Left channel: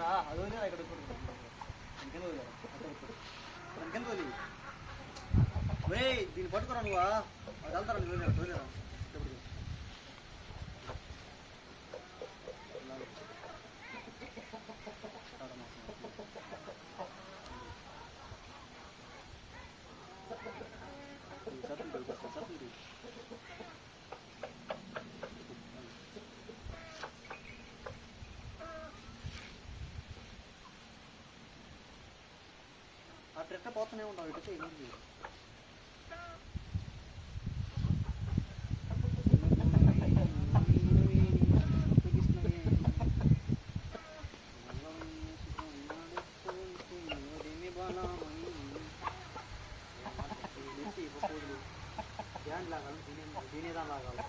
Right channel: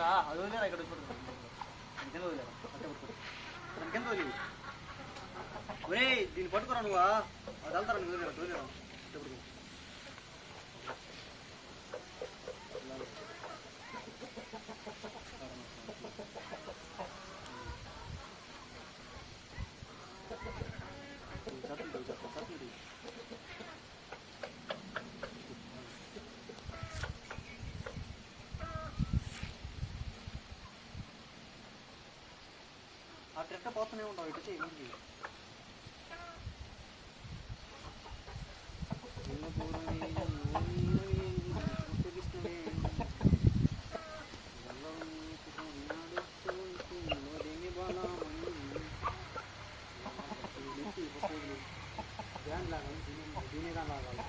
రా అది వదిలేరా ఇక్కడ ఇంకెంత వదిలేరా ఇంకెంత వదిలేదు ఒరే దీన్ని పట్టుకురా నువ్వా అది వెళ్తారా నువ్వు వదిలేరా అట్ట పోతూనే ఉంటావు ఇటు ఏముంది ध्यान लागाలి దీనే లాగాలి